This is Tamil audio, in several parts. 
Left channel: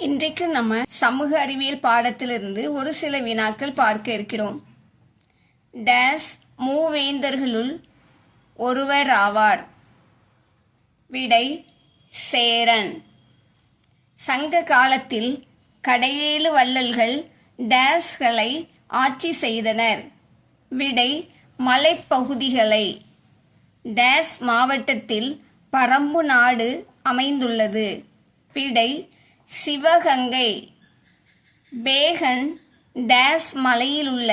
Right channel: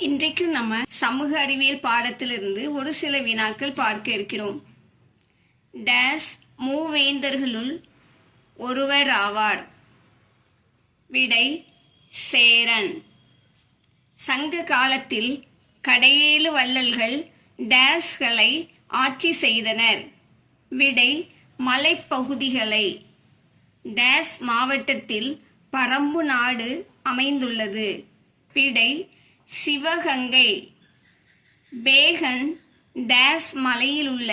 இன்றைக்கு நம்ம சமூக அறிவியல் பாடத்திலிருந்து ஒரு சில வினாக்கள் பார்க்க இருக்கிறோம். டேஸ் மூவேந்தர்களுள் ஒருவர் ஆவார். விடை சேரன். சங்க காலத்தில் கடையேழு வள்ளல்கள் டேஸ்களை ஆட்சி செய்தனர். விடை மலைப்பகுதிகளை. டேஸ் மாவட்டத்தில் பரம்பு நாடு அமைந்துள்ளது. விடை சிவகங்கை. பேகன் டேஸ் மலையில் உள்ள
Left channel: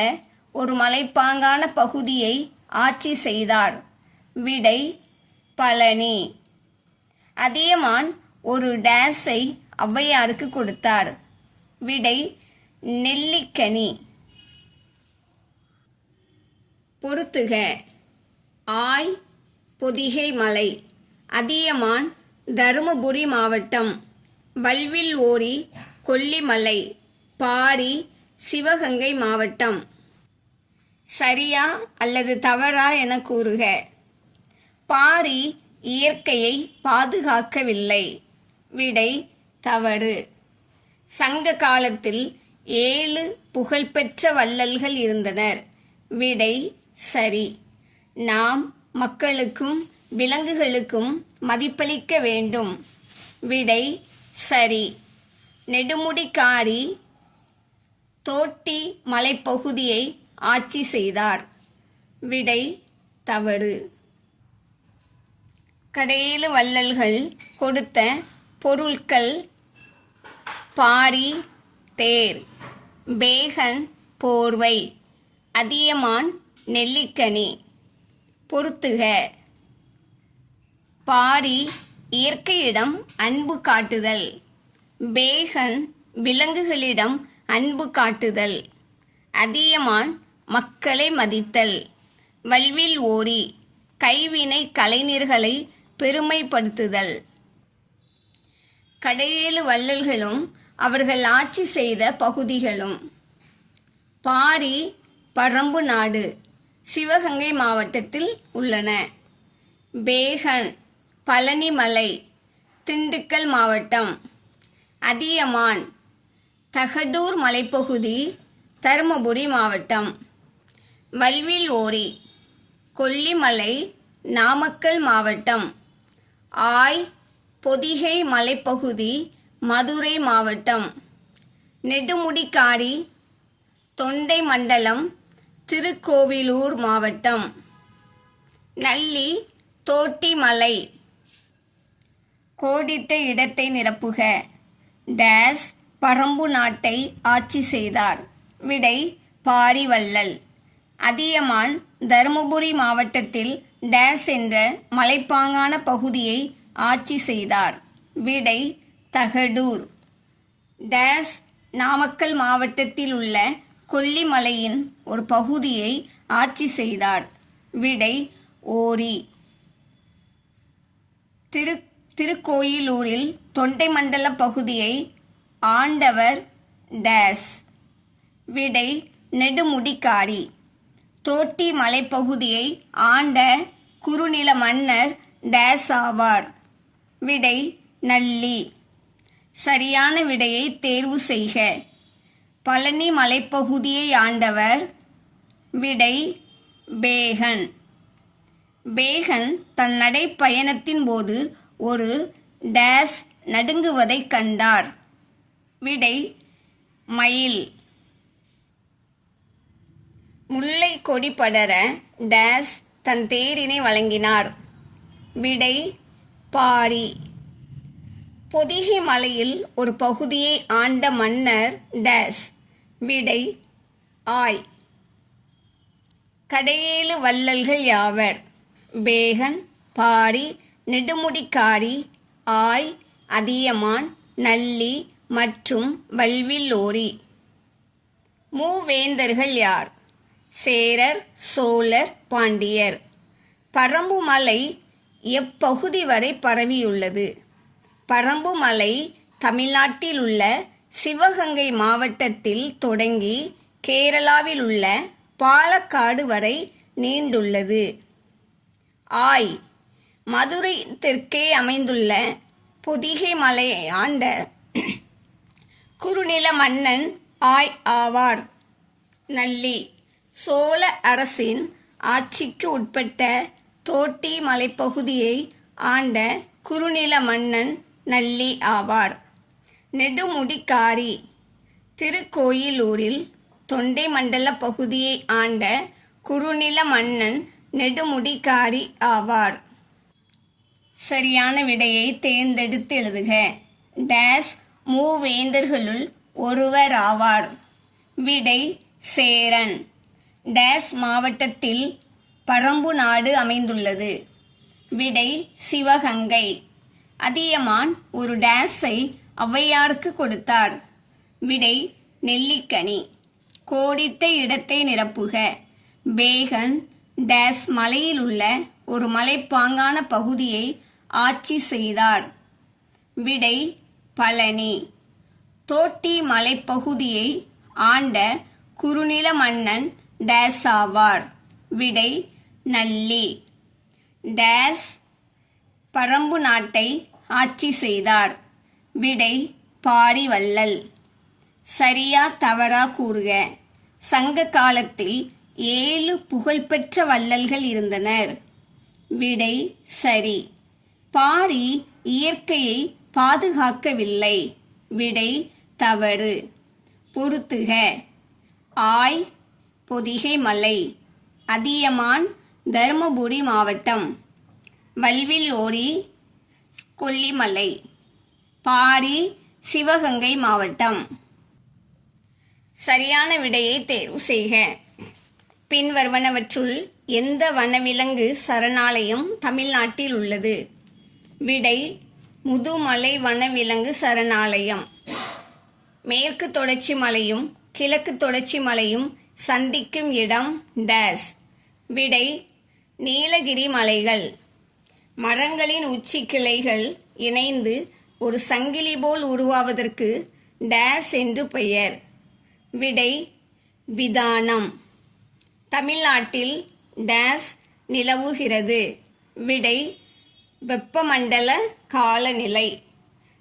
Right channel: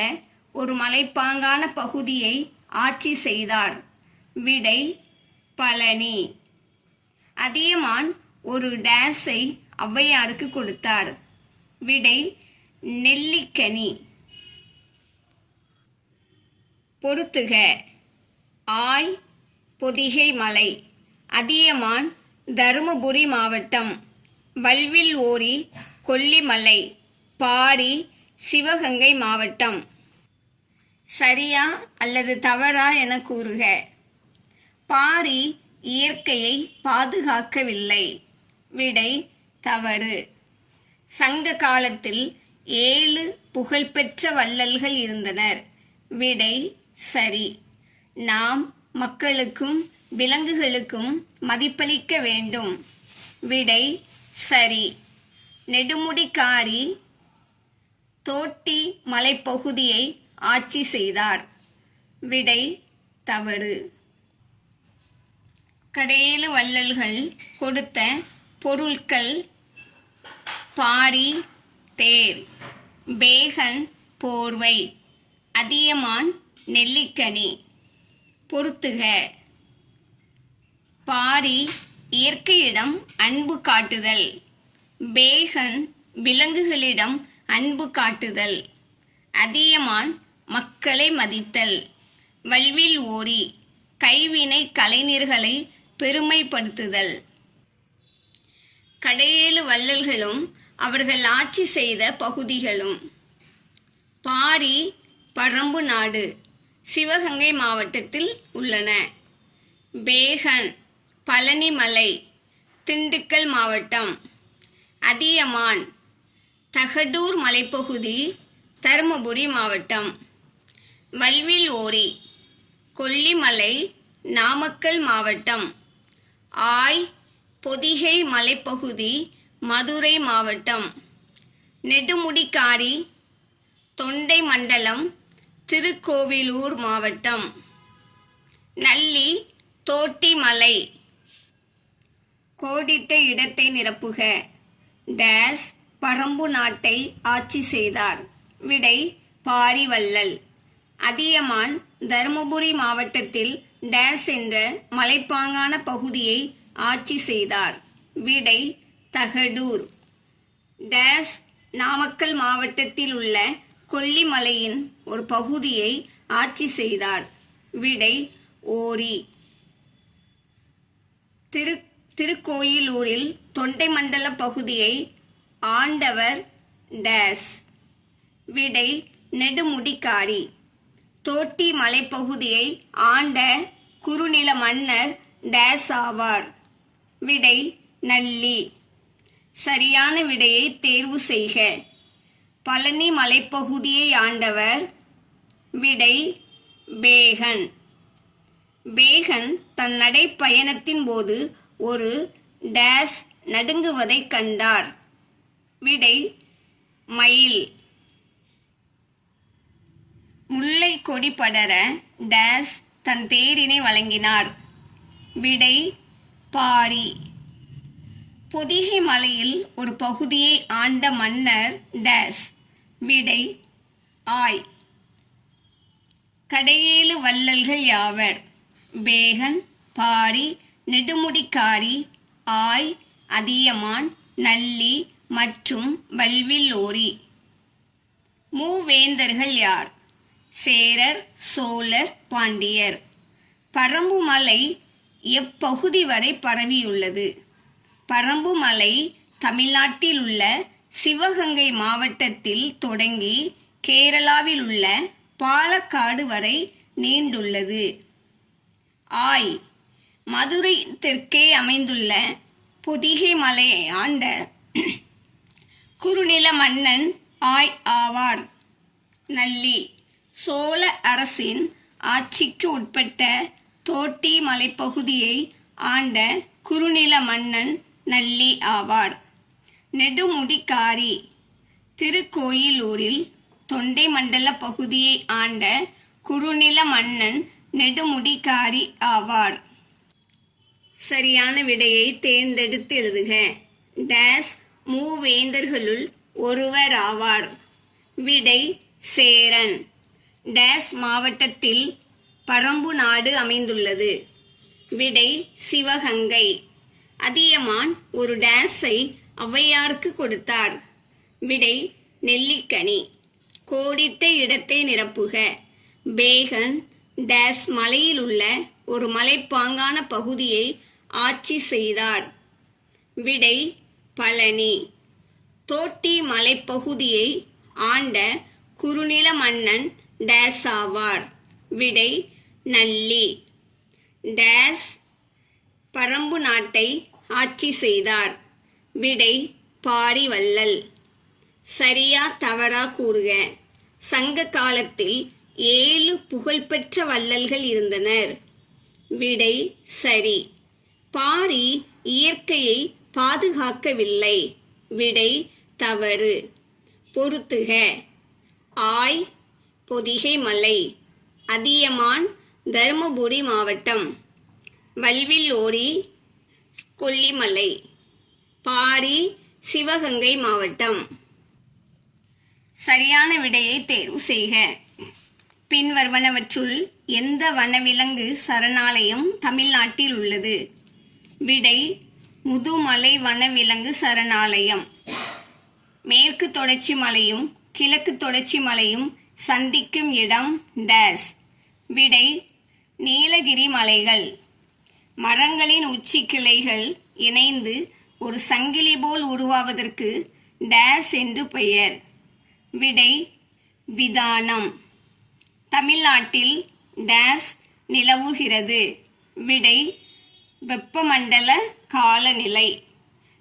ஒரு மலைப்பாங்கான பகுதியை ஆட்சி செய்தார். விடை பழனி. அதியமான் ஒரு டேஸை ஔவையாருக்கு கொடுத்தார். விடை நெல்லிக்கனி. பொறுத்துக. ஆய் பொதிகை மலை. அதியமான் தருமபுரி மாவட்டம். வல்வில் ஓரி கொல்லிமலை. பாரி சிவகங்கை மாவட்டம். சரியா அல்லது தவறா என கூறுக. பாரி இயற்கையை பாதுகாக்கவில்லை. விடை தவறு. சங்க காலத்தில் 7 புகழ்பெற்ற வள்ளல்கள் இருந்தனர். விடை சரி. நாம் மக்களுக்கும் விலங்குகளுக்கும் மதிப்பளிக்க வேண்டும். விடை சரி. நெடுமுடிக்காரி தோட்டி மலைப்பகுதியை ஆட்சி செய்தார். விடை தவறு. கடையேழு வள்ளல்கள் கொடுத்த பொருட்கள்: பாரி தேர், பேகன் போர்வை, அதியமான் நெல்லிக்கனி. பொறுத்துக. பாரி இயற்கையிடம் அன்பு காட்டுதல். பேகன் விலங்குகளிடம் அன்பு காட்டுதல். அதியமான் மக்களை மதித்தல். வல்வில் ஓரி கைவினை கலைஞர்களை பெருமைப்படுத்துதல். கடையேழு வள்ளல்களும் அவர்கள் ஆட்சி செய்த பகுதிகளும்: பாரி பரம்பு நாடு சிவகங்கை மாவட்டத்தில் உள்ளன. பேகன் பழனிமலை திண்டுக்கல் மாவட்டம். அதியமான் தகடூர் மலைப்பகுதி தருமபுரி மாவட்டம். வல்வில் ஓரி கொல்லிமலை நாமக்கல் மாவட்டம். ஆய் பொதிகை மலைப்பகுதி மதுரை மாவட்டம். நெடுமுடிக்காரி தொண்டை மண்டலம் திருக்கோவிலூர் மாவட்டம். நல்லி தோட்டிமலை. கோடிட்ட இடத்தை நிரப்புக. டேஸ் பரம்பு நாட்டை ஆட்சி செய்தார். விடை பாரி வள்ளல். அதியமான் தருமபுரி மாவட்டத்தில் டேஸ் என்ற மலைப்பாங்கான பகுதியை ஆட்சி செய்தார். விடை தகடூர். டேஸ் நாமக்கல் மாவட்டத்தில் உள்ள கொல்லிமலையின் ஒரு பகுதியை ஆட்சி செய்தார். விடை ஓரி. திருக்கோயிலூரில் தொண்டை மண்டல பகுதியை ஆண்டவர் டேஸ். விடை நெடுமுடிக்காரி. தோட்டி மலைப்பகுதியை ஆண்ட குறுநில மன்னர் டேஸ் ஆவார். விடை நல்லி. சரியான விடையை தேர்வு செய்க. பழனி மலைப்பகுதியை ஆண்டவர். விடை பேகன். பேகன் தன் நடைப்பயணத்தின் போது ஒரு டேஸ் நடுங்குவதை கண்டார். விடை மயில். முல்லை கொடி படர டேஸ் தன் தேரினை வழங்கினார். விடை பாரி. பொதிகை மலையில் ஒரு பகுதியை ஆண்ட மன்னர் டேஸ். விடை ஆய். கடையேழு வள்ளல்கள் யாவர்? பேகன், பாரி, நெடுமுடிக்காரி, ஆய், அதியமான், நல்லி மற்றும் வல்வில் ஓரி. மூவேந்தர்கள் யார்? சேரர், சோழர், பாண்டியர். பரம்பு மலை எப்பகுதி வரை பரவியுள்ளது? பரம்பு மலை தமிழ்நாட்டில் உள்ள சிவகங்கை மாவட்டத்தில் தொடங்கி கேரளாவில் உள்ள பாலக்காடு வரை நீண்டுள்ளது. ஆய் மதுரை தெற்கே அமைந்துள்ள பொதிகை மலையை ஆண்ட குறுநில மன்னன் ஆய் ஆவார். நல்லி சோழ அரசின் ஆட்சிக்கு உட்பட்ட தோட்டி மலைப்பகுதியை ஆண்ட குறுநில மன்னன் நல்லி ஆவார். நெடுமுடிக்காரி திருக்கோயிலூரில் தொண்டை மண்டல பகுதியை ஆண்ட குறுநில மன்னன் நெடுமுடிக்காரி ஆவார். சரியான விடையை தேர்ந்தெடுத்து எழுதுக. டேஸ் மூவேந்தர்களுள் ஒருவர் ஆவார். விடை சேரன். டேஸ் மாவட்டத்தில் பரம்பு நாடு அமைந்துள்ளது. விடை சிவகங்கை. அதியமான் ஒரு டேஸை ஔவையாருக்கு கொடுத்தார். விடை நெல்லிக்கனி. கோடிட்ட இடத்தை நிரப்புக. பேகன் டேஸ் மலையில் உள்ள ஒரு மலைப்பாங்கான பகுதியை ஆட்சி செய்தார். விடை பழனி. தோட்டி மலைப்பகுதியை ஆண்ட குறுநில மன்னன் டேஸ் ஆவார். விடை நல்லி. டேஸ் பரம்பு நாட்டை ஆட்சி செய்தார். விடை பாரிவள்ளல். சரியா தவறா கூறுக. சங்க காலத்தில் 7 புகழ்பெற்ற வள்ளல்கள் இருந்தனர். விடை சரி. பாரி இயற்கையை பாதுகாக்கவில்லை. விடை தவறு. பொறுத்துக. ஆய் பொதிகை மலை. அதியமான் தருமபுரி மாவட்டம். வல்வில்லோரி கொல்லிமலை. பாரி சிவகங்கை மாவட்டம். சரியான விடையை தேர்வு செய்க. பின்வருவனவற்றுள் எந்த வனவிலங்கு சரணாலயம் தமிழ்நாட்டில் உள்ளது? விடை முதுமலை வனவிலங்கு சரணாலயம். மேற்கு தொடர்ச்சி மலையும் கிழக்கு தொடர்ச்சி மலையும் சந்திக்கும் இடம் டேஸ். விடை நீலகிரி மலைகள். மரங்களின் உச்சி கிளைகள் இணைந்து ஒரு சங்கிலி போல் உருவாவதற்கு டேஸ் என்று பெயர். விடை விதானம். தமிழ்நாட்டில் டேஸ் நிலவுகிறது. விடை வெப்பமண்டல காலநிலை.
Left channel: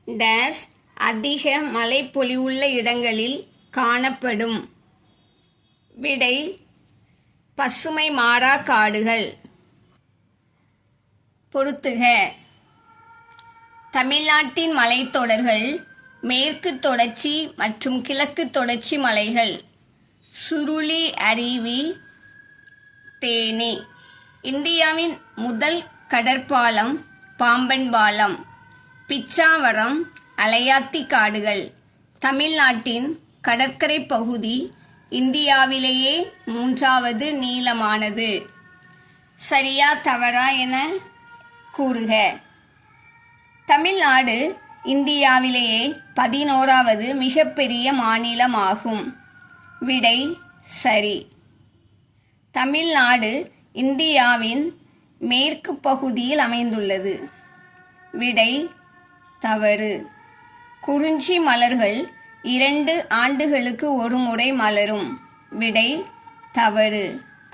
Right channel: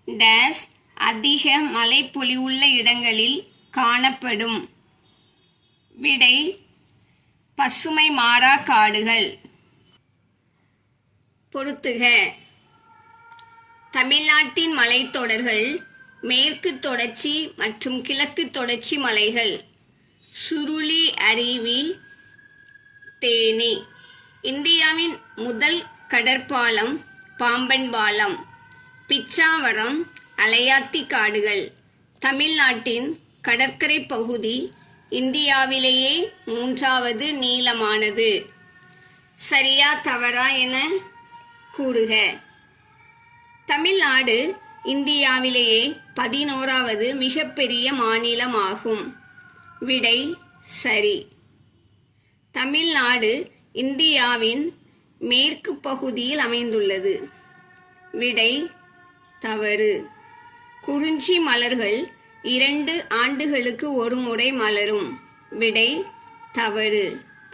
டேஸ் அதிக மழைப்பொழிவுள்ள இடங்களில் காணப்படும். விடை பசுமை மாறா காடுகள். பொறுத்துக. தமிழ்நாட்டின் மலைத்தொடர்கள் மேற்கு தொடர்ச்சி மற்றும் கிழக்கு தொடர்ச்சி மலைகள். சுருளி அருவி. தேனி. இந்தியாவின் முதல் கடற்பாலம் பாம்பன் பாலம். பிச்சாவரம் அலையாத்தி காடுகள். தமிழ்நாட்டின் கடற்கரை பகுதி இந்தியாவிலேயே 3வது நீளமானது. சரியா தவறா என கூறுக. தமிழ்நாடு இந்தியாவிலேயே 11வது மிகப்பெரிய மாநிலமாகும். விடை சரி. தமிழ்நாடு இந்தியாவின் மேற்கு பகுதியில் அமைந்துள்ளது. விடை தவறு. குறிஞ்சி மலர்கள் 2 ஆண்டுகளுக்கு ஒரு முறை மலரும். விடை தவறு.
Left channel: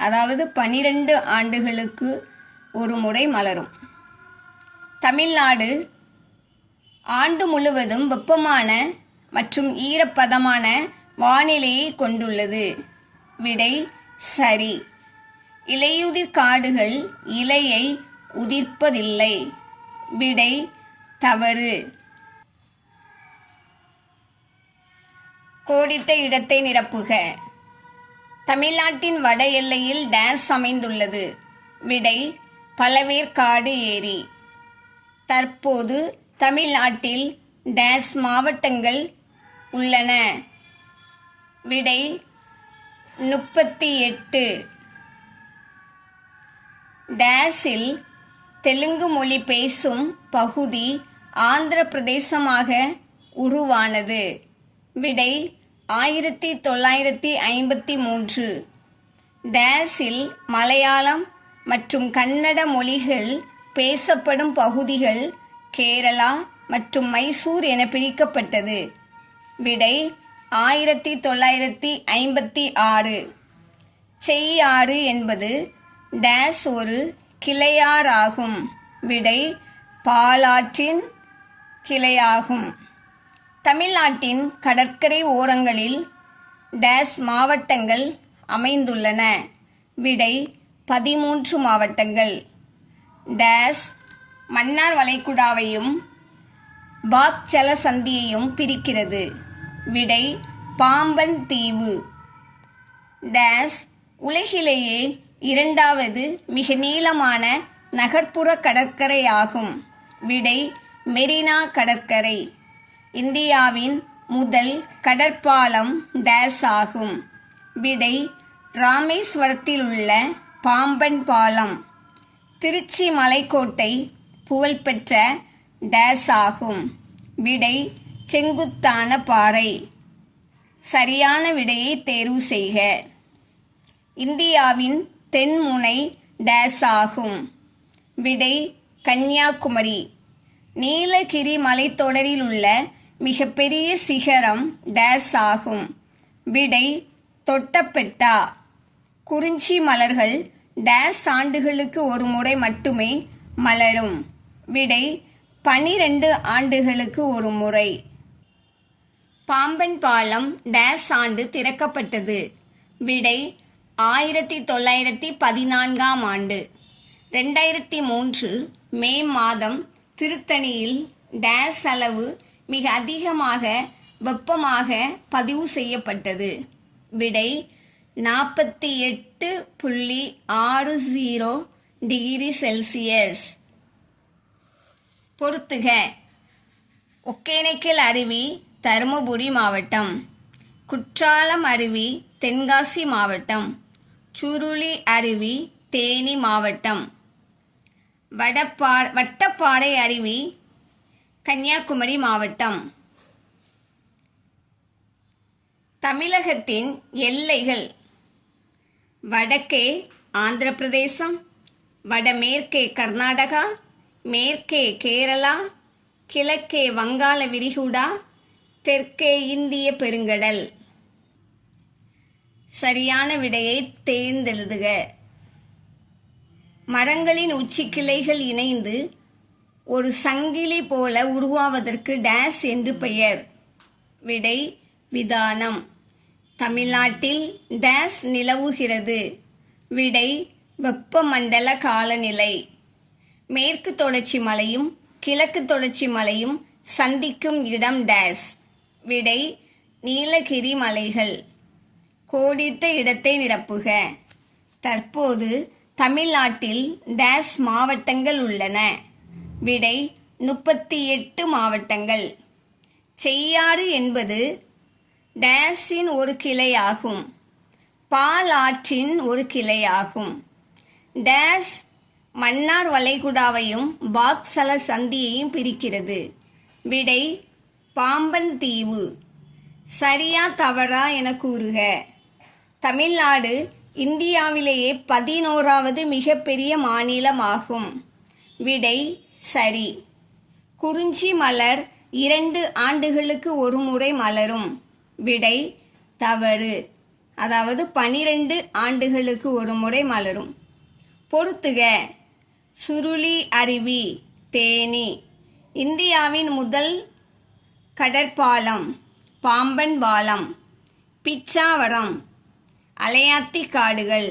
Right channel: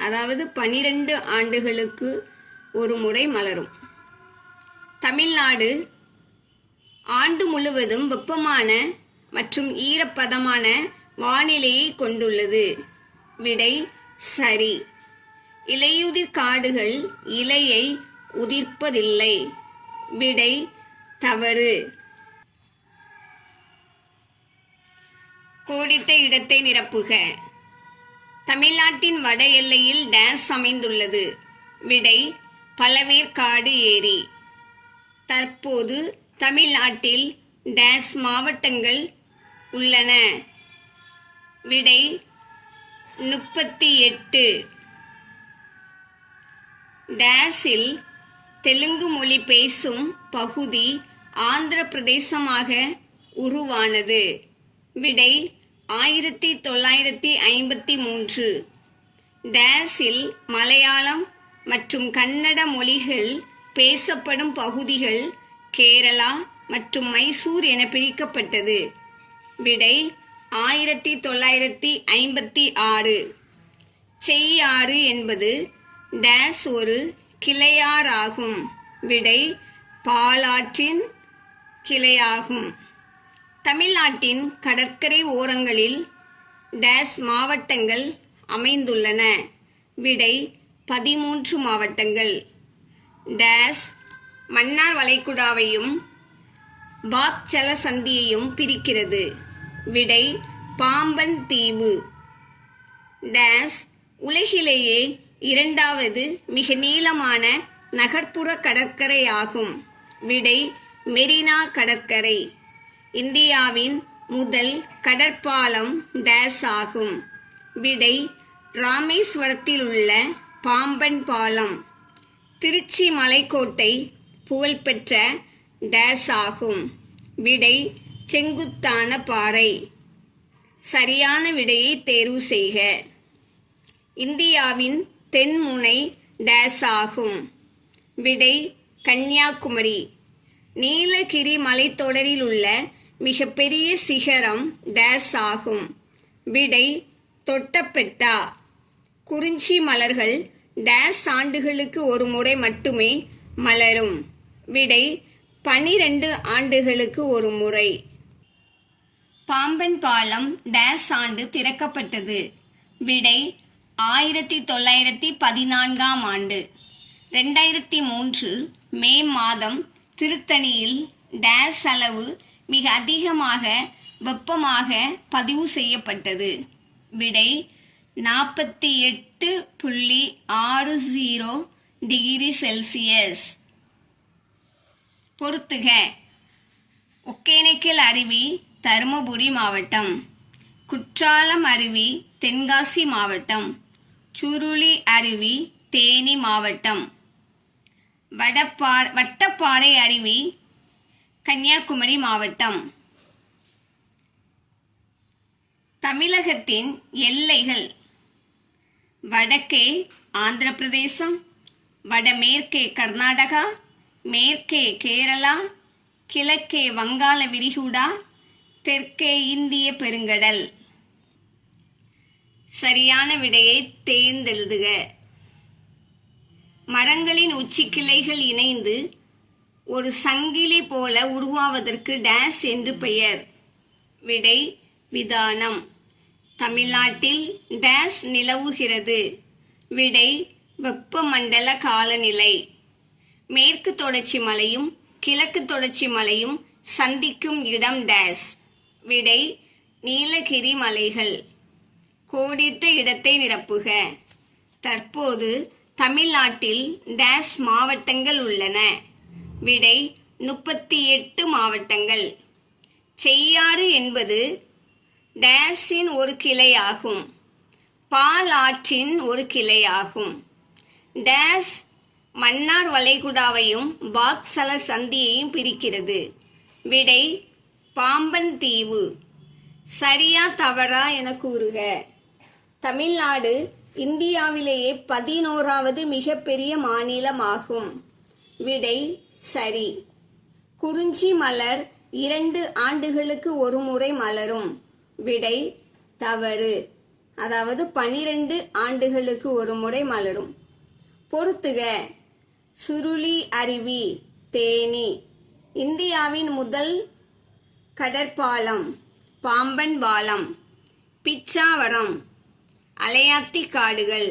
அதாவது 12 ஆண்டுகளுக்கு ஒரு முறை மலரும். தமிழ்நாடு ஆண்டு முழுவதும் வெப்பமான மற்றும் ஈரப்பதமான வானிலையை கொண்டுள்ளது. விடை சரி. இலையுதிர் காடுகள் இலையை உதிர்ப்பதில்லை. விடை தவறு. கோடிட்ட இடத்தை நிரப்புக. தமிழ்நாட்டின் வட எல்லையில் டேஸ் அமைந்துள்ளது. விடை பழவேற்காடு ஏரி. தற்போது தமிழ்நாட்டில் டேஸ் மாவட்டங்கள் உள்ளன. விடை 38. டேஸில் தெலுங்கு மொழி பேசும் பகுதி ஆந்திர பிரதேசமாக உருவானது. விடை 1953. டேஸில் மலையாளம் மற்றும் கன்னட மொழிகள் பேசப்படும் பகுதிகள் கேரளா மற்றும் மைசூர் என பிரிக்கப்பட்டது. விடை 1956. செய்யாறு என்பது டேஸ் ஒரு கிளையாறாகும். விடை பாலாற்றின் கிளையாகும். தமிழ்நாட்டின் கடற்கரை ஓரங்களில் டேஸ் மாவட்டங்கள் அமைந்துள்ளன. விடை 13 மாவட்டங்கள். டேஸ் மன்னார் வளைகுடாவையும் பாக் ஜலசந்தியையும் பிரிக்கிறது. விடை பாம்பன் தீவு. டேஸ் உலகிலேயே 2வது மிக நீளமான நகர்ப்புற கடற்கரை ஆகும். விடை மெரினா கடற்கரை. இந்தியாவின் முதல் கடற்பாலம் டேஸ் ஆகும். விடை ராமேஸ்வரத்தில் உள்ள பாம்பன் பாலம். திருச்சி மலைக்கோட்டை புகழ்பெற்ற டேஸ் ஆகும். விடை செங்குத்தான பாறை. சரியான விடையை தேர்வு செய்க. இந்தியாவின் தென்முனை டேஸ் ஆகும். விடை கன்னியாகுமரி. நீலகிரி மலைத்தொடரில் உள்ள மிகப்பெரிய சிகரம் டேஸ் ஆகும். விடை தொட்டபெட்டா. குறிஞ்சி மலர்கள் டேஸ் ஆண்டுகளுக்கு ஒரு முறை மட்டுமே மலரும். விடை 12 ஆண்டுகளுக்கு ஒரு முறை. பாம்பன் பாலம் டேஸ் ஆண்டு திறக்கப்பட்டது. விடை 1914ஆம் ஆண்டு. 2003 மே மாதம் திருத்தணியில் டேஸ் அளவு மிக அதிகமாக வெப்பமாக பதிவு செய்யப்பட்டது. விடை 48.60 டிகிரி செல்சியஸ். பொறுத்துக. ஒகேனக்கல் அருவி தருமபுரி மாவட்டம். குற்றாலம் அருவி தென்காசி மாவட்டம். சுருளி அருவி தேனி மாவட்டம். வட்டப்பாறை அருவி கன்னியாகுமரி மாவட்டம். தமிழகத்தின் எல்லைகள்: வடக்கே ஆந்திர பிரதேசம், வடமேற்கே கர்நாடகா, மேற்கே கேரளா, கிழக்கே வங்காள விரிகுடா, தெற்கே இந்திய பெருங்கடல். சரியான விடையை தேர்ந்தெழுதுக. மரங்களின் உச்சி கிளைகள் இணைந்து ஒரு சங்கிலி போல உருவாவதற்கு டேஸ் என்று பெயர். விடை விதானம். தமிழ்நாட்டில் டேஸ் நிலவுகிறது. விடை வெப்பமண்டல காலநிலை. மேற்கு தொடர்ச்சி மலையும் கிழக்கு தொடர்ச்சி மலையும் சந்திக்கும் இடம் டேஸ். விடை நீலகிரி மலைகள். கோடிட்ட இடத்தை நிரப்புக. தற்போது தமிழ்நாட்டில் டேஸ் மாவட்டங்கள் உள்ளன. விடை 38 மாவட்டங்கள். செய்யாறு என்பது டேஸின் ஒரு கிளையாகும். பால் ஆற்றின் ஒரு கிளையாகும். டேஸ் மன்னார் வளைகுடாவையும் பாக் ஜலசந்தியையும் பிரிக்கிறது. விடை பாம்பன் தீவு. சரியா தவறா என கூறுக. தமிழ்நாடு இந்தியாவிலேயே 11வது மிகப்பெரிய மாநிலமாகும். விடை சரி. குறிஞ்சி மலர் 2 ஆண்டுகளுக்கு ஒரு முறை மலரும். விடை தவறு. அதாவது 12 ஆண்டுகளுக்கு ஒரு முறை மலரும். பொறுத்துக. சுருளி அருவி தேனி. இந்தியாவின் முதல் கடற்பாலம் பாம்பன் பாலம். பிச்சாவரம். அலையாத்தி காடுகள்.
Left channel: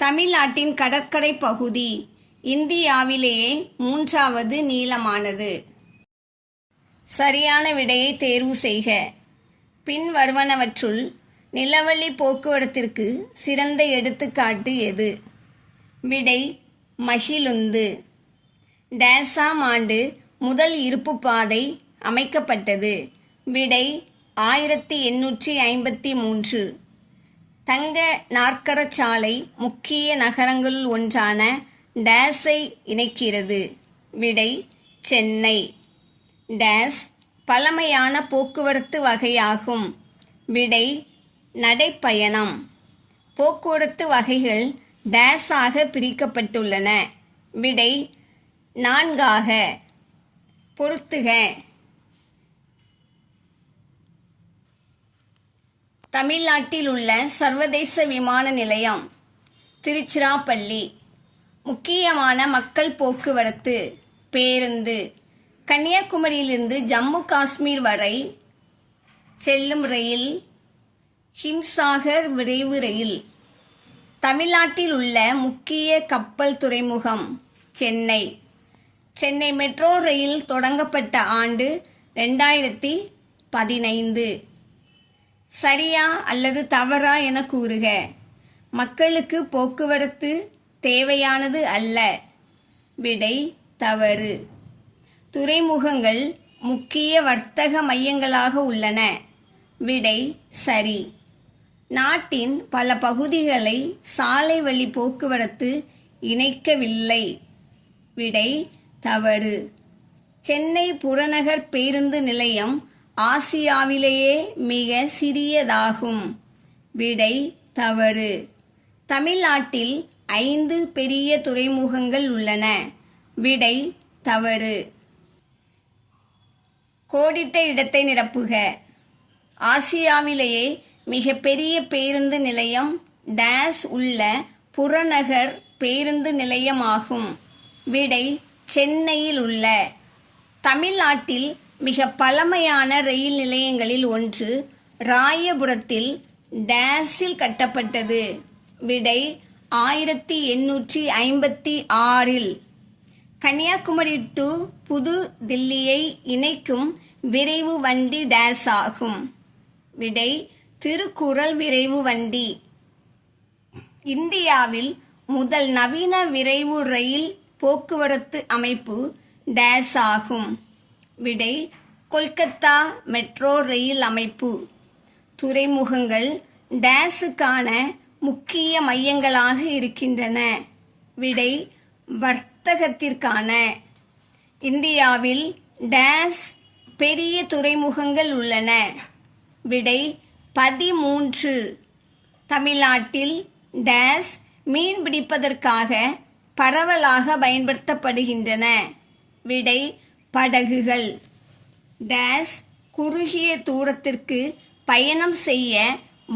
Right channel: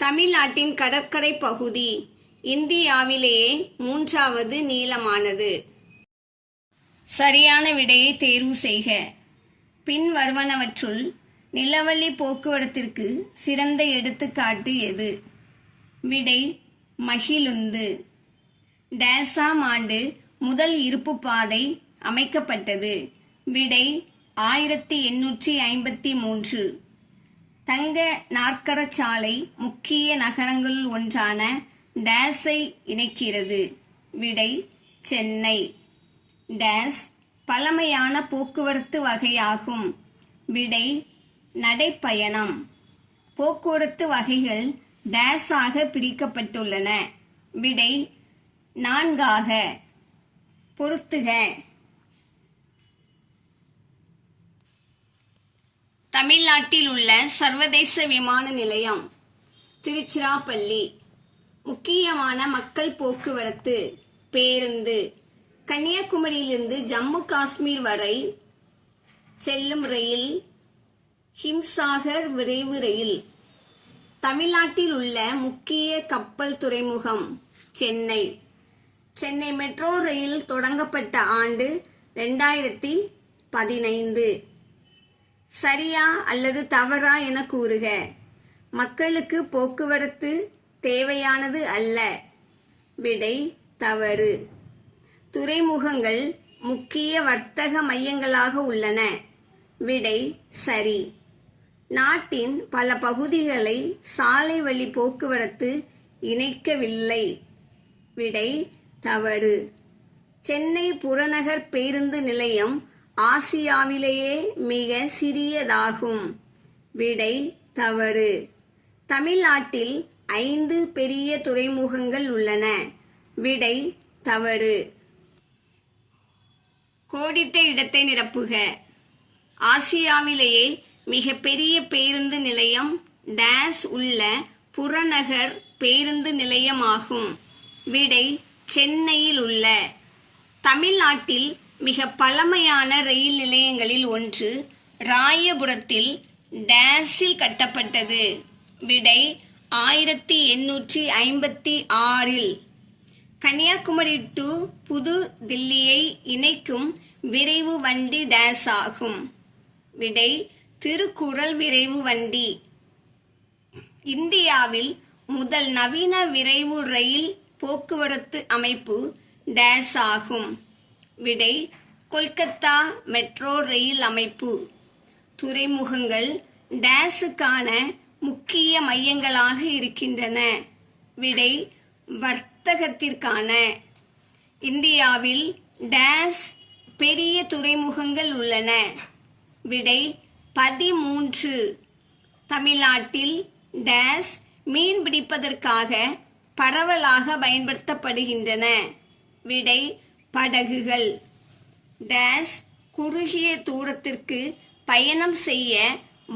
தமிழ்நாட்டின் கடற்கரை பகுதி இந்தியாவிலேயே 3வது நீளமானது. சரியான விடையை தேர்வு செய்க. பின் வருவனவற்றுள் நிலவழி போக்குவரத்திற்கு சிறந்த எடுத்துக்காட்டு எது? விடை மகிழுந்து. டேஸாம் ஆண்டு முதல் இருப்பு பாதை அமைக்கப்பட்டது. விடை 1853. தங்க நாற்கரச்சாலை முக்கிய நகரங்களுள் ஒன்றான டேஸை இணைக்கிறது. விடை சென்னை. டேஸ் பழமையான போக்குவரத்து வகையாகும். விடை நடைப்பயணம். போக்குவரத்து வகைகள் டேஸாக பிரிக்கப்பட்டுள்ளன. விடை 4ஆக. பொறுத்துக. தமிழ்நாட்டில் உள்ள சர்வதேச விமான நிலையம் திருச்சிராப்பள்ளி. முக்கியமான மக்கள் போக்குவரத்து பேருந்து. கன்னியாகுமரியிலிருந்து ஜம்மு காஷ்மீர் வரை செல்லும் ரயில் ஹிம்சாகர் விரைவு ரயில். தமிழ்நாட்டில் உள்ள முக்கிய கப்பல் துறைமுகம் சென்னை. சென்னை மெட்ரோ ரயில் தொடங்கப்பட்ட ஆண்டு 2015. சரியா அல்லது தவறா என கூறுக. மக்களுக்கு போக்குவரத்து தேவையானது அல்ல. விடை தவறு. துறைமுகங்கள் முக்கிய வர்த்தக மையங்களாக உள்ளன. விடை சரி. நாட்டின் பல பகுதிகளை சாலை வழி போக்குவரத்து இணைக்கவில்லை. விடை தவறு. சென்னை புறநகர் பேருந்து நிலையம் ஆசியாவிலேயே மிக சிறியதாகும். விடை தவறு. தமிழ்நாட்டில் 5 பெரிய துறைமுகங்கள் உள்ளன. விடை தவறு. கோடிட்ட இடத்தை நிரப்புக. ஆசியாவிலேயே மிக பெரிய பேருந்து நிலையம் டேஸ் உள்ள புறநகர் பேருந்து நிலையமாகும். விடை சென்னையில் உள்ள. தமிழ்நாட்டில் மிக பழமையான ரயில் நிலையங்களில் ஒன்று ராயபுரத்தில் டேஸில் கட்டப்பட்டது. விடை 1856. கன்னியாகுமரி டு புது தில்லியை இணைக்கும் விரைவு வண்டி டேஸ் ஆகும். விடை திருக்குறள் விரைவு வண்டி. இந்தியாவில் முதல் நவீன விரைவு ரயில் போக்குவரத்து அமைப்பு டேஸ் ஆகும். விடை கொல்கத்தா மெட்ரோ ரயில் அமைப்பு. துறைமுகங்கள் டேஸுக்கான முக்கிய மையங்களாக இருக்கின்றன. விடை வர்த்தகத்திற்கான. இந்தியாவில் டேஸ் பெரிய துறைமுகங்கள் உள்ளன. விடை 13. தமிழ்நாட்டில் டேஸ் மீன் பிடிப்பதற்காக பரவலாக பயன்படுத்தப்படுகின்றன. விடை படகுகள். டேஸ் குறுகிய தூரத்திற்கு பயணம் செய்ய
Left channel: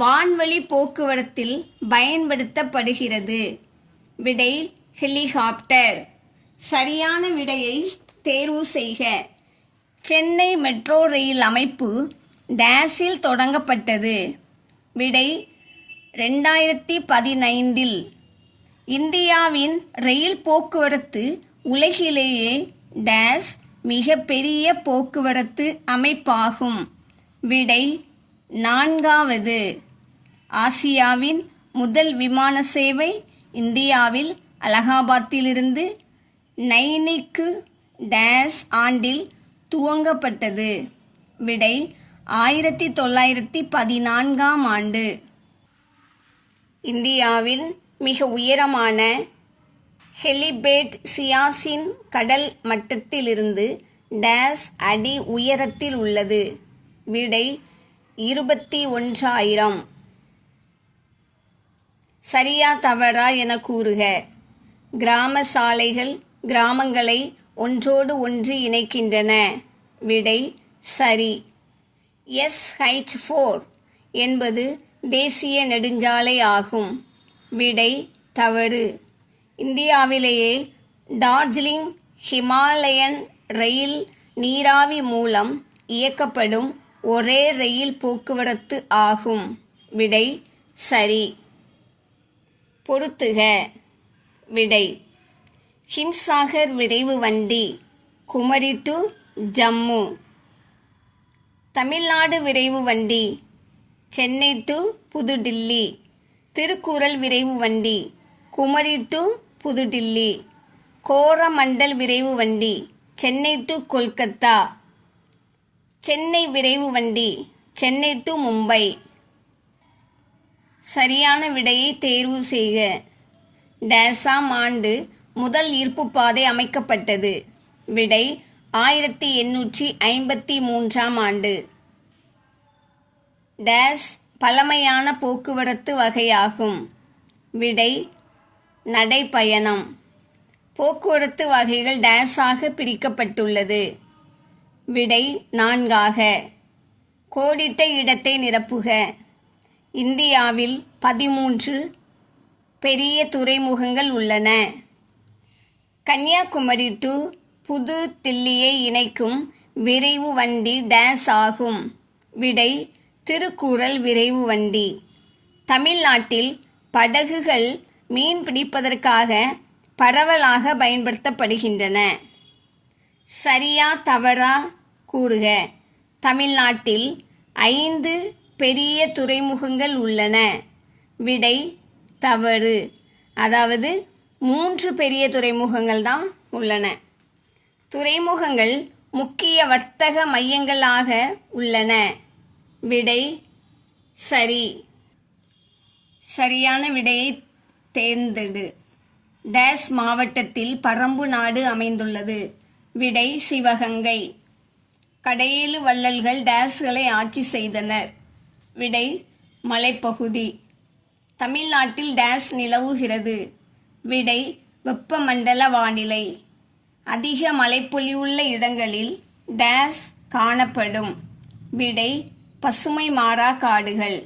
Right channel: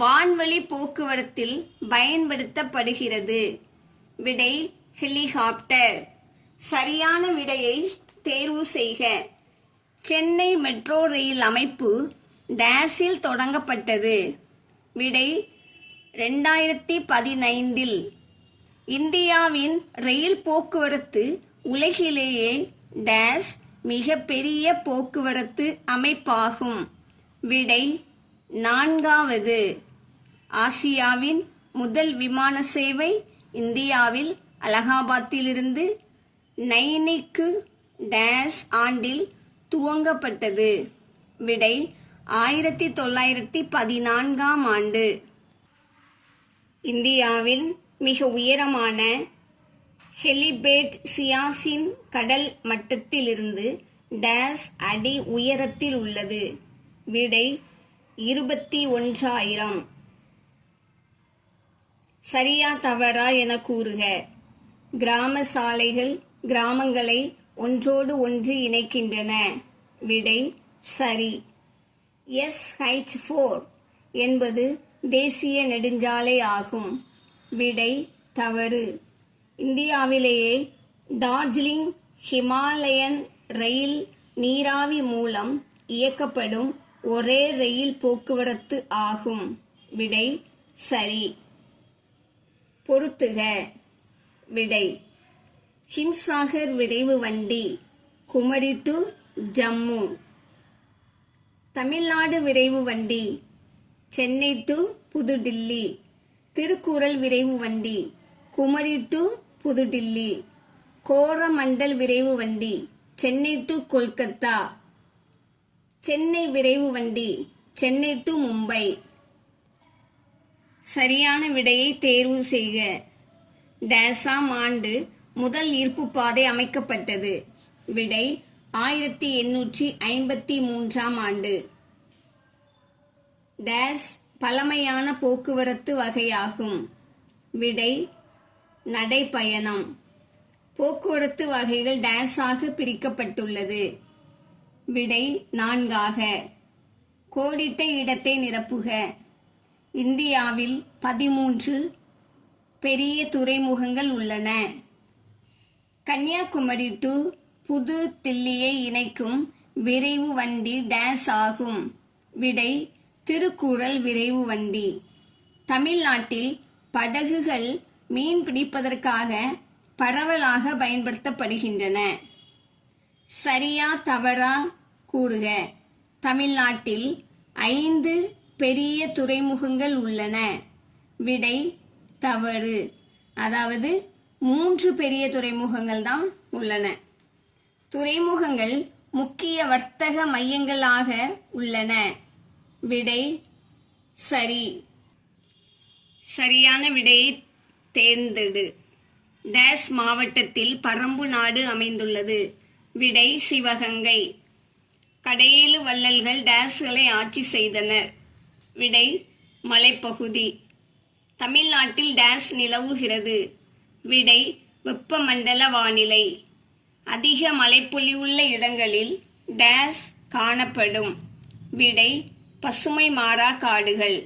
வான்வழி போக்குவரத்தில் பயன்படுத்தப்படுகிறது. விடை ஹெலிகாப்டர். சரியான விடையை தேர்வு செய்க. சென்னை மெட்ரோ ரயில் அமைப்பு டேஸில் தொடங்கப்பட்டது. விடை 2015. இந்தியாவின் ரயில் போக்குவரத்து உலகிலேயே டேஸ் மிக பெரிய போக்குவரத்து அமைப்பாகும். விடை 4வது. ஆசியாவின் முதல் விமான சேவை இந்தியாவில் அலகாபாத்திலிருந்து நைனிக்கு டேஸ் ஆண்டில் துவங்கப்பட்டது. விடை 1914 ஆண்டு. இந்தியாவின் மிக உயரமான ஹெலிபேட் சியாச்சின் கடல் மட்டத்திலிருந்து டேஸ் அடி உயரத்தில் உள்ளது. விடை 21,000. சரியா தவறா என கூறுக. கிராம சாலைகள் கிராமங்களை ஒன்றோடு ஒன்று இணைக்கின்றன. விடை சரி. SH4 என்பது தேசிய நெடுஞ்சாலை ஆகும். விடை தவறு. இந்தியாவிலேயே டார்ஜிலிங் ஹிமாலயன் ரயில் நீராவி மூலம் இயக்கப்படும் ஒரே ரயில் போக்குவரத்து ஆகும். விடை சரி. பொறுத்துக. விடை ஹிம்சாகர் விரைவு வண்டி குமரி டு ஜம்மு. தமிழ்நாடு விரைவு வண்டி சென்னை டு புதுடில்லி. திருக்குறள் விரைவு வண்டி குமரி டு புதுடில்லி. கோரமண்டல் விரைவு வண்டி சென்னை டு கொல்கத்தா. சென்னை விரைவு வண்டி சென்னை டு மும்பை. சரியான விடையை தேர்வு செய்க. டேஸாம் ஆண்டு முதல் ஈர்ப்பு பாதை அமைக்கப்பட்டது. விடை 1853 ஆண்டு. டேஸ் பழமையான போக்குவரத்து வகையாகும். விடை நடைப்பயணம். போக்குவரத்து வகைகள் டேஸாக பிரிக்கப்பட்டுள்ளது. விடை 4ஆக. கோடிட்ட இடத்தை நிரப்புக. இந்தியாவில் 13 பெரிய துறைமுகங்கள் உள்ளன. கன்னியாகுமரி டு புது தில்லியை இணைக்கும் விரைவு வண்டி டேஸ் ஆகும். விடை திருக்குறள் விரைவு வண்டி. தமிழ்நாட்டில் படகுகள் மீன் பிடிப்பதற்காக பரவலாக பயன்படுத்தப்படுகின்றன. சரியா தவறா கூறுக. தமிழ்நாட்டில் 5 பெரிய துறைமுகங்கள் உள்ளன. விடை தவறு. அதாவது 3 பெரிய துறைமுகங்கள் தான் உள்ளன. துறைமுகங்கள் முக்கிய வர்த்தக மையங்களாக உள்ளன. விடை சரி. சரியான விடையை தேர்ந்தெடு. டேஸ் மாவட்டத்தில் பரம்பு நாடு அமைந்துள்ளது. விடை சிவகங்கை. கடையேழு வள்ளல்கள் டேஸ்களை ஆட்சி செய்தனர். விடை மலைப்பகுதி. தமிழ்நாட்டில் டேஸ் நிலவுகிறது. விடை வெப்பமண்டல வானிலை. அதிக மழைப்பொழிவுள்ள இடங்களில் டேஸ் காணப்படும். விடை பசுமை மாறா காடுகள்.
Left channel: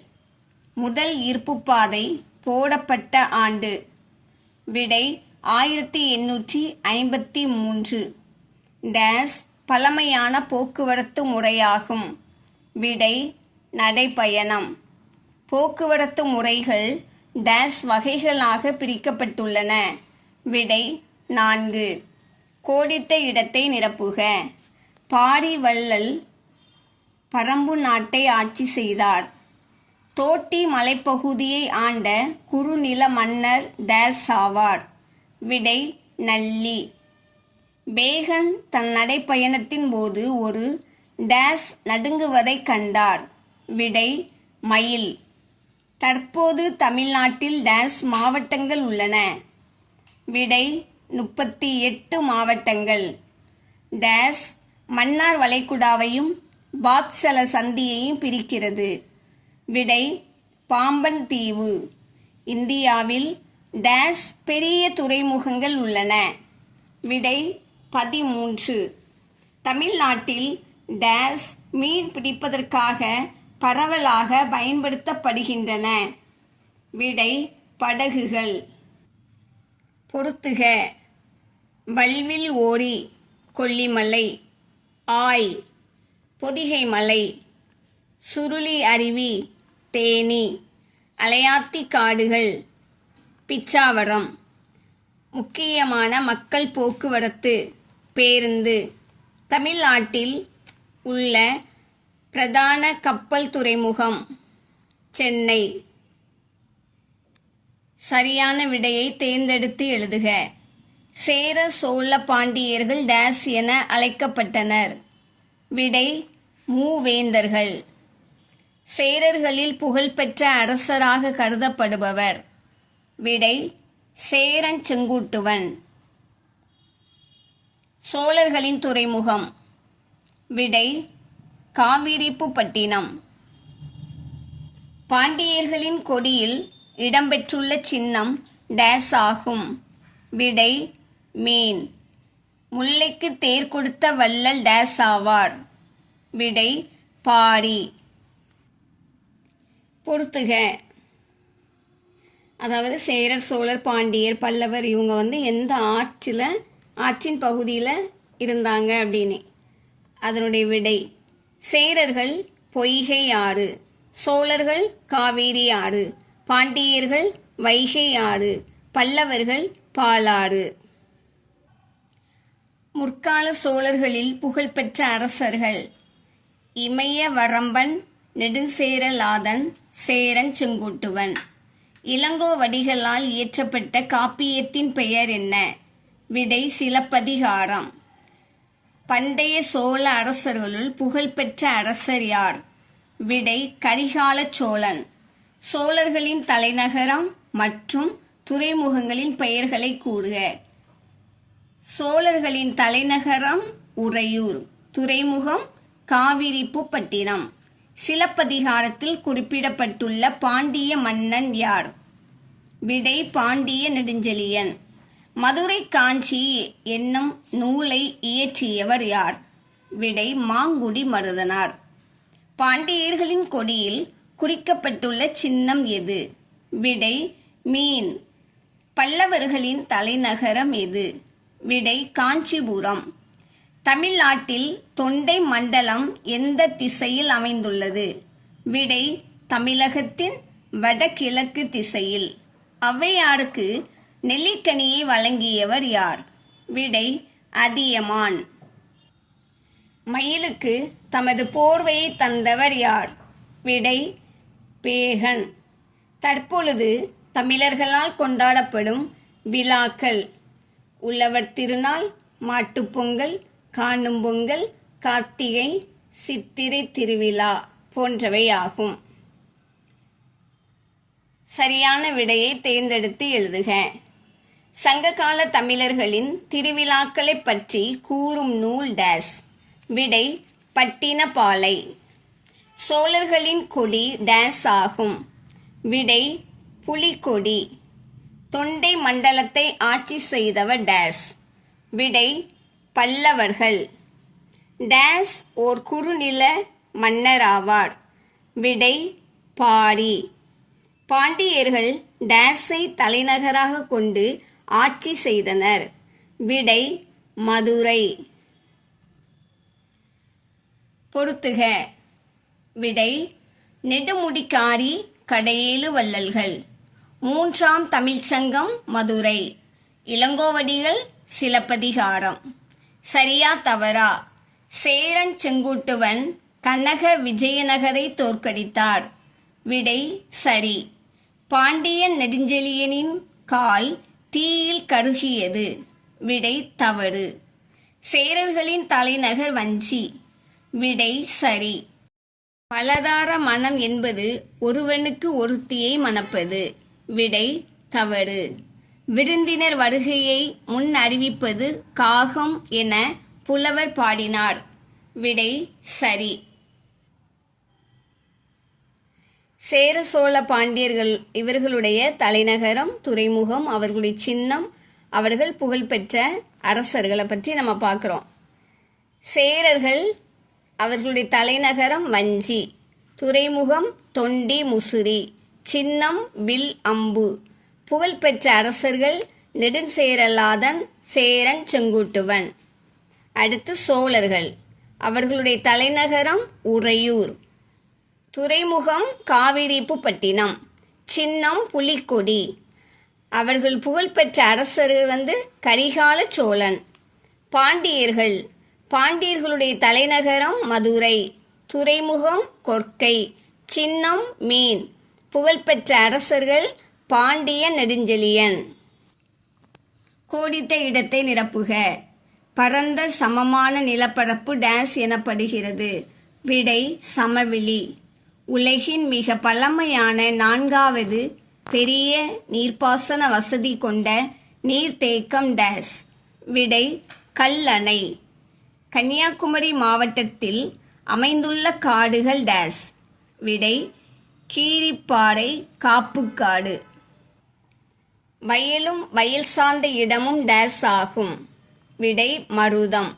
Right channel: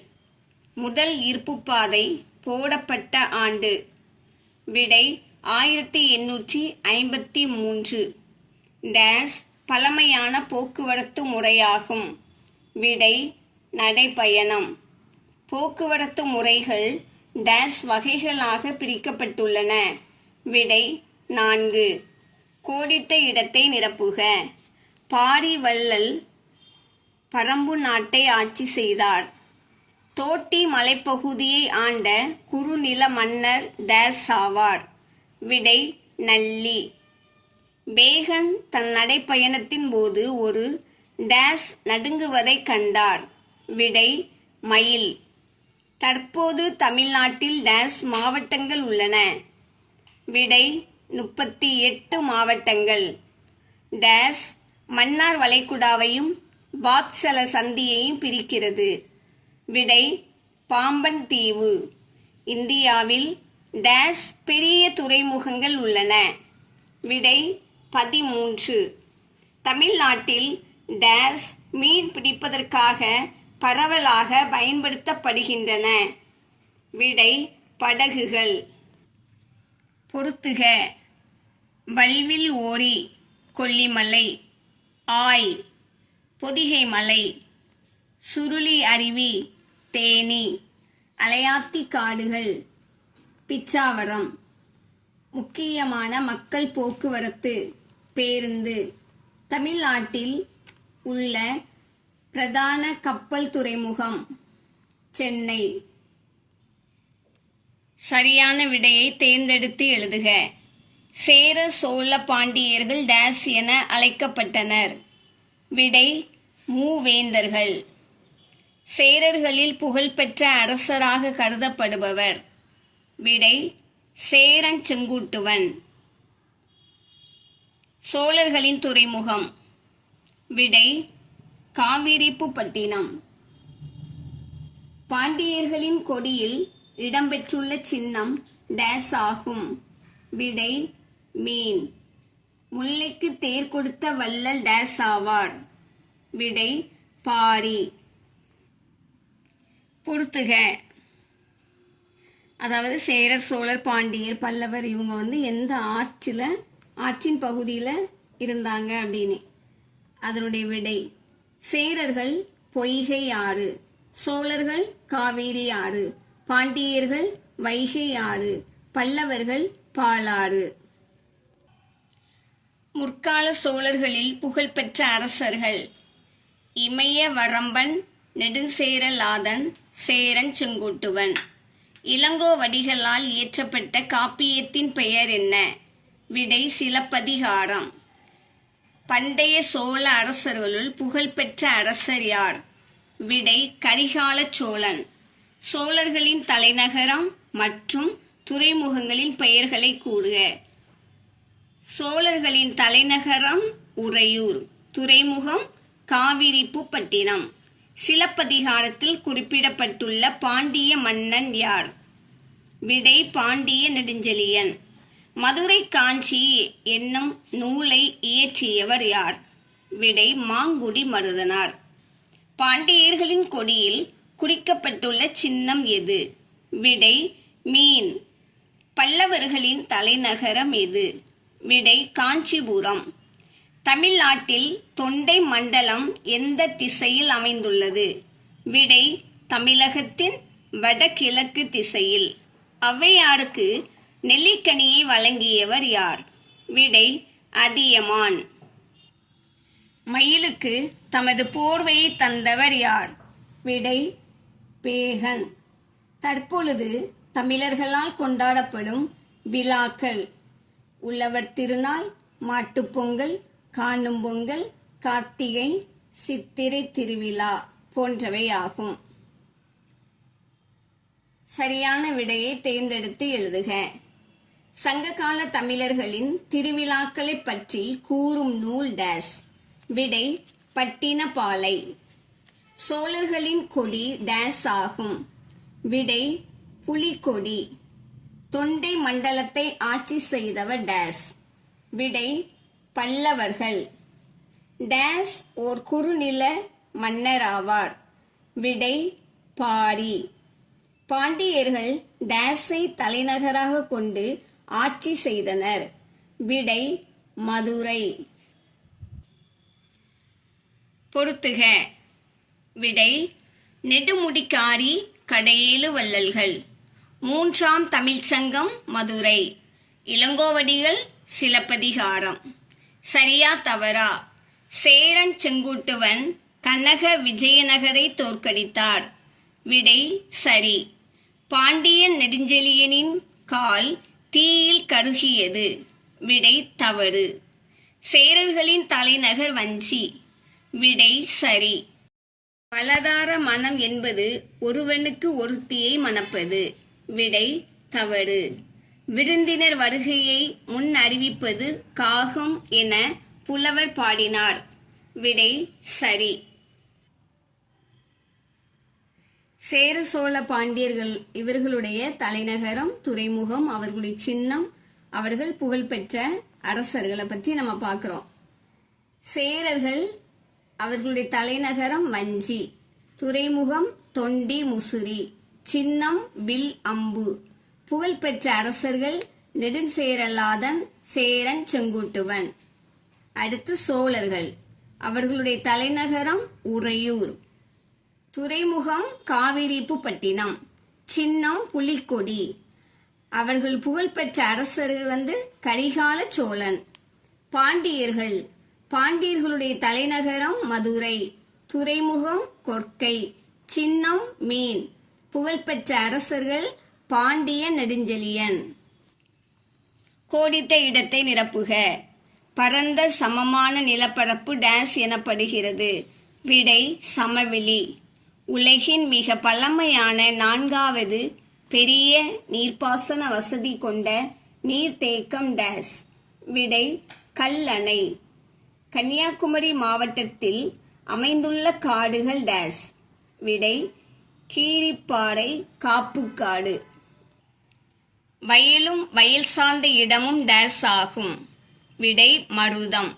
முதல் இருப்புப்பாதை போடப்பட்ட ஆண்டு. விடை 1853. டேஸ் பழமையான போக்குவரத்து முறையாகும். விடை நடைப்பயணம். போக்குவரத்து முறைகள் டேஸ் வகைகளாக பிரிக்கப்பட்டுள்ளன. விடை 4. கோடிட்ட இடத்தை நிரப்புக. பாரி வள்ளல் பரம்பு நாட்டை ஆட்சி செய்தார். தோட்டி மலைப்பகுதியை ஆண்ட குறுநில மன்னர் டேஸ் ஆவார். விடை நல்லி. பேகன் தன் நடைப்பயணத்தின் போது ஒரு டேஸ் நடுங்குவதை கண்டார். விடை மயில். தற்போது தமிழ்நாட்டில் டேஸ் மாவட்டங்கள் உள்ளன. விடை 38 மாவட்டங்கள். டேஸ் மன்னார் வளைகுடாவையும் பாக்சல சந்தியையும் பிரிக்கிறது. விடை பாம்பன் தீவு. இந்தியாவில் டேஸ் பெரிய துறைமுகங்கள் உள்ளன. விடை 13. தமிழ்நாட்டில் டேஸ் மீன் பிடிப்பதற்காக பரவலாக பயன்படுத்தப்படுகின்றன. விடை படகுகள். பொறுத்துக. வல்வில் ஓரி கொல்லிமலை, ஆய் பொதிகை மலை, சுருளி அருவி தேனி, அலையாத்தி காடுகள் பிச்சாவரம். முக்கியமான மக்கள் போக்குவரத்து பேருந்து. தமிழ்நாட்டில் உள்ள பிரதான கப்பல் துறைமுகம் சென்னை. சரியான விடையை தேர்ந்தெடுத்து எழுதுக. சேர சோழ பாண்டியர்கள் டேஸ் என அழைக்கப்பட்டனர். விடை மூவேந்தர்கள். சேரர்களில் புகழ்பெற்ற அரசராக கருதப்படுபவர். விடை சேரன் செங்குட்டுவன். சோழர்களின் துறைமுகம். விடை காவிரிப்பட்டினம். பாண்டியர்களின் கொடியில் இடம்பெற்றுள்ள சின்னம் டேஸ் ஆகும். விடை மீன். முல்லைக்கு தேர் கொடுத்த வள்ளல் டேஸ் ஆவார். விடை பாரி. பொறுத்துக. அதாவது சேரர் சோழர் பாண்டியர் பல்லவர் இவங்க எந்த ஆற்றின் பகுதியில் இருந்தாங்க அப்படின்னு. அதனுடைய விடை சேரர்கள் பொய்கை ஆறு, சோழர்கள் காவேரி ஆறு, பாண்டியர்கள் வைகை ஆறு, பல்லவர்கள் பாலாறு. முற்கால சோழர்களில் புகழ்பெற்ற அரசர்கள் இமய வரம்பன், நெடுஞ்சேரலாதன், சேரன் செங்குட்டுவன். இளங்கோவடிகளால் இயற்றப்பட்ட காப்பியத்தின் பெயர் என்ன? விடை சிலப்பதிகாரம். பண்டைய சோழ அரசர்களுள் புகழ்பெற்ற அரசர் யார்? விடை கரிகால சோழன். சோழர்களின் தலைநகரம் மற்றும் துறைமுகங்களின் பெயர்களை கூறுக. சோழர்களின் தலைநகரம் உறையூர், துறைமுகம் காவிரிப்பட்டினம். சிலப்பதிகாரத்தில் குறிப்பிடப்பட்டுள்ள பாண்டிய மன்னன் யார்? விடை பாண்டிய நெடுஞ்செழியன். மதுரை காஞ்சி என்னும் நூலை இயற்றியவர் யார்? விடை மாங்குடி மருதனார். பாண்டியர்களின் கொடியில் குறிக்கப்பட்டுள்ள சின்னம் எது? விடை மீன். பல்லவர்களின் தலைநகரம் எது? விடை காஞ்சிபுரம். தமிழ்நாட்டில் தொண்டை மண்டலம் எந்த திசையில் அமைந்துள்ளது? விடை தமிழகத்தின் வடகிழக்கு திசையில். ஔவையாருக்கு நெல்லிக்கனியை வழங்கியவர் யார்? விடை அதியமான். மயிலுக்கு தமது போர்வையை தந்தவர் யார்? விடை பேகன். தற்பொழுது தமிழர்களால் கொண்டாடப்படும் விழாக்கள் உழவர் திருநாள், மாட்டுப்பொங்கல், காணும் பொங்கல், கார்த்திகை, சித்திரை திருவிழா போன்றவை ஆகும். சரியான விடையை தேர்ந்தெடுத்து எழுதுக. சங்ககால தமிழர்களின் திருவிழாக்களை பற்றி கூறும் நூல் டேஸ். விடை பட்டினப்பாலை. சோழர்களின் கொடி டேஸ் ஆகும். விடை புலிக்கொடி. தொண்டை மண்டலத்தை ஆட்சி செய்தவர் டேஸ். விடை பல்லவர்கள். டேஸ் ஓர் குறுநில மன்னராவார். விடை பாரி. பாண்டியர்கள் டேஸை தலைநகராக கொண்டு ஆட்சி செய்தனர். விடை மதுரை. பொறுத்துக. விடை நெடுமுடிக்காரி கடையேழு வள்ளல்கள். மூன்றாம் தமிழ்ச்சங்கம் மதுரை. இளங்கோவடிகள் சிலப்பதிகாரம். சரியா தவறா? சேரன் செங்குட்டுவன் கனக விஜயநகரை தோற்கடித்தார். விடை சரி. பாண்டியன் நெடுஞ்செழியனின் கால் தீயில் கருகியது. விடை தவறு. சேரர்களின் தலைநகர் வஞ்சி. விடை சரி. பலதார மணம் என்பது ஒருவனுக்கு ஒருத்தியை மணப்பது. விடை தவறு. விருந்தினர் வருகையை முன் அறிவிப்பது காகம் என புலவர் பாடினார். விடை சரி. சேர சோழ பாண்டியர்கள் இவர்களுடைய தலைநகரம், துறைமுகம், அவர்களுடைய சின்னம், அவர்கள் புகழ்பெற்ற அரசர்களை பற்றி நம்ம பார்க்குறோம். சேரர்கள் அவர்களுடைய தலைநகரம் வஞ்சி, துறைமுகம் தொண்டி முசிறி, சின்னம் வில் அம்பு. புகழ்பெற்ற அரசர்கள் நெடுஞ்சேரலாதன், சேரன் செங்குட்டுவன். அடுத்து சோழர்கள், அவர்களுடைய தலைநகரம் உறையூர், துறைமுகம் காவிரிப்புப்பட்டினம், சின்னம் புலிக்கொடி. அவர்கள் புகழ்பெற்ற அரசர்கள் கரிகால சோழன். பாண்டியர்கள், பாண்டியர்களுடைய தலைநகரம் மதுரை, துறைமுகம் கொற்கை, சின்னம் மீன். புகழ்பெற்ற அரசர்கள் பாண்டிய நெடுஞ்செழியன். கோடிட்ட இடத்தை நிரப்புக. பரந்த சமமான நிலப்பரப்பு டேஸ் எனப்படுகிறது. விடை சமவெளி. உலகின் மிக பழமையான 4வது பெரிய நீர்ப்பாசன வசதி கொண்ட நீர்த்தேக்கம் டேஸ். விடை கல்லணை. கன்னியாகுமரி மாவட்டத்தில் அமைந்துள்ள காடுகள் டேஸ். விடை கீரிப்பாறை காப்புக்காடு. வயலும் வயல் சார்ந்த இடமும் டேஸ் ஆகும். விடை மருதம்.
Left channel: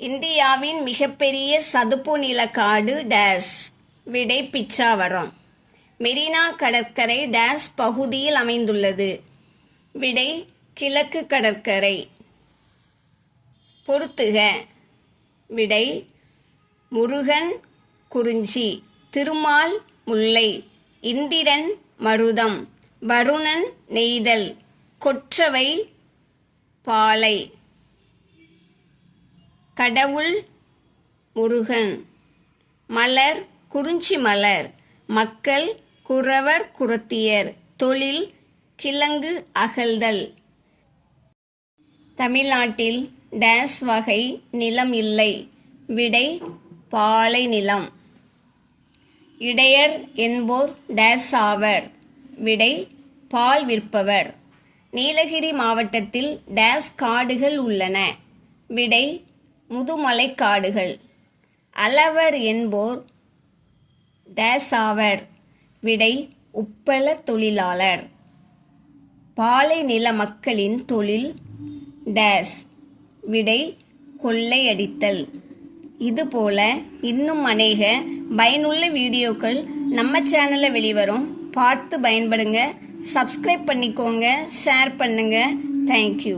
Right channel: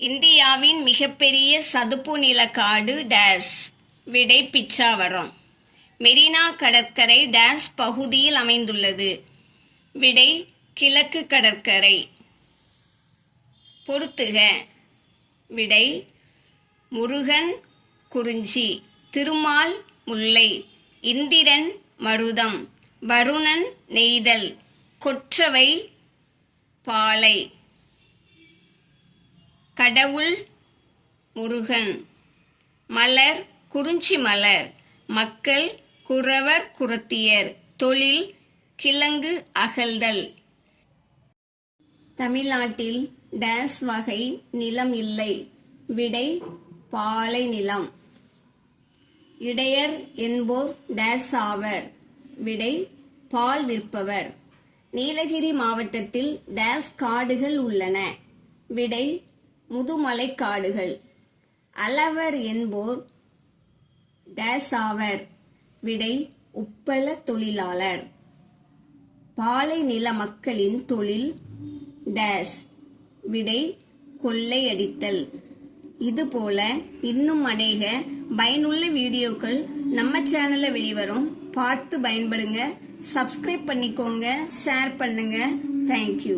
இந்தியாவின் மிகப்பெரிய சதுப்பு நிலக்காடு டேஸ். விடை பிச்சாவரம். மெரினா கடற்கரை டேஸ் பகுதியில் அமைந்துள்ளது. விடை கிழக்கு கடற்கரை. பொறுத்துக. விடை முருகன் குறிஞ்சி, திருமால் முல்லை, இந்திரன் மருதம், வருணன் நெய்தல், கொற்றவை பாலை. கடவுள் முருகன். மலர் குறிஞ்சி மலர். மக்கள் குறவர் குறத்தியர். தொழில் கிழங்கு அகழ்தல். தமிழ்நாட்டில் டேஸ் வகை நிலம் இல்லை. விடை பாலை நிலம். இடையர் என்போர் டேஸ் ஆவர். விடை பால் விற்பவர். நீலகிரி மாவட்டத்தில் டேஸ் காடுகள் உள்ளன. விடை முதுமலை காடுகள். அளவர் என்போர் டேஸ் ஆவர். விடை உப்பள தொழிலாளர். பாலை நில மக்களின் தொழில் டேஸ். விடை கொள்ளையடித்தல். இதுபோல இன்னும் அநேக பயனுள்ள வீடியோக்கள் நம்ம சேனலில் வெளிவரும். பார்த்து பயன்படுங்க. சப்ஸ்கிரைப் பண்ணிக்கோங்க, ஷேர் பண்ணுங்க. தேங்க்யூ.